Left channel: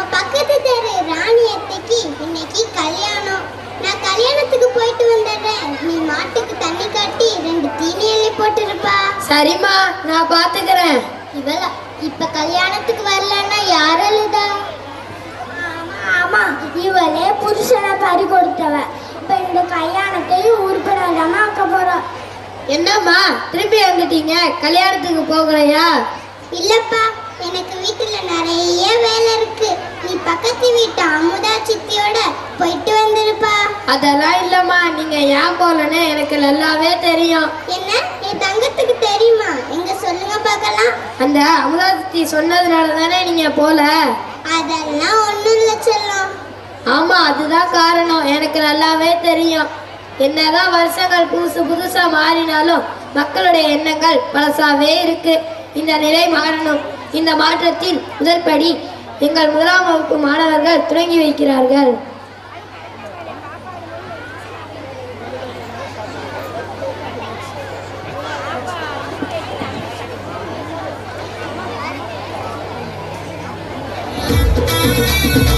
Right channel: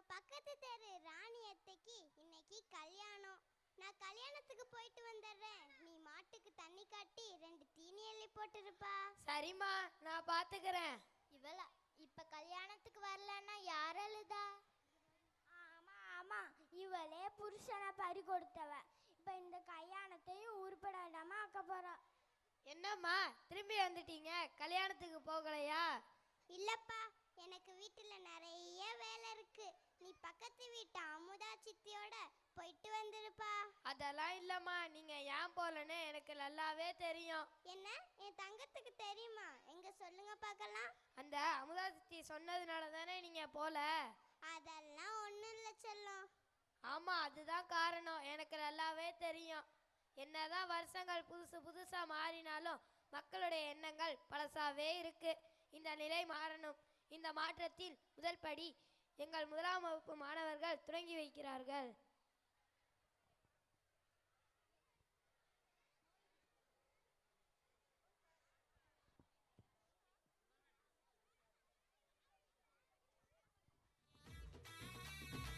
நம்ம பக்கத்து தெரு ராணி அத்தைக்கு இன்னைக்கு கல்யாணம். நான் கல்யாணத்துக்கு போயிட்டு வந்துடுறேன். நீ மாட்டுக்கு தண்ணி காட்டி ரெண்டு தீனி எண்ணெய் போட்டுருப்பா. சரிம்மா நான் பாத்துக்கிறேன். இவள இப்ப கல்யாணத்துக்கு வரலன்னா யார் அழுதா? ஆமா இவளே புருஷனை பறி கொடுத்தவ. இப்ப இந்த கல்யாணத்தையும் உருப்படாம ஆக்க போறா. என்னம்மா திருப்பி வந்துட்டீங்க? கல்யாணத்துக்கு போகலையா? இல்லப்பா எனக்கு வீட்டுல நிறைய வேலை இருக்கு நீ பக்கத்து வீட்டு அமுதா சித்தியோட போயிட்டு வந்திருப்பா. அதெல்லாம் இல்லம்மா நீங்க ஏன் போகலன்னு எனக்கு நல்லாவே தெரியும். என்ன? என் தங்கத்துக்கு தெரியுமா? எங்க சொல்லுங்க பார்க்கலாம். அந்த அமுதாத்தி சொன்னதுனால தானே நீங்க போல? அதெல்லாம் ஒண்ணும் இல்ல செல்லம். ஆமா அதுதான் காரணம். எனக்கு நல்லாவே தெரியும். என்னதான் வருஷங்கள் புதுசு புதுசா மாறினாலும் மக்களுடைய எண்ணங்கள் பழசாவே இருக்கு. இந்த நிலை மாறணும். இந்த மாற்றத்தில் முதல் படி எங்கள் முதலாம் வகுப்பு மாணவர்கள் தொடங்கி வைக்கிறார்கள். ஆ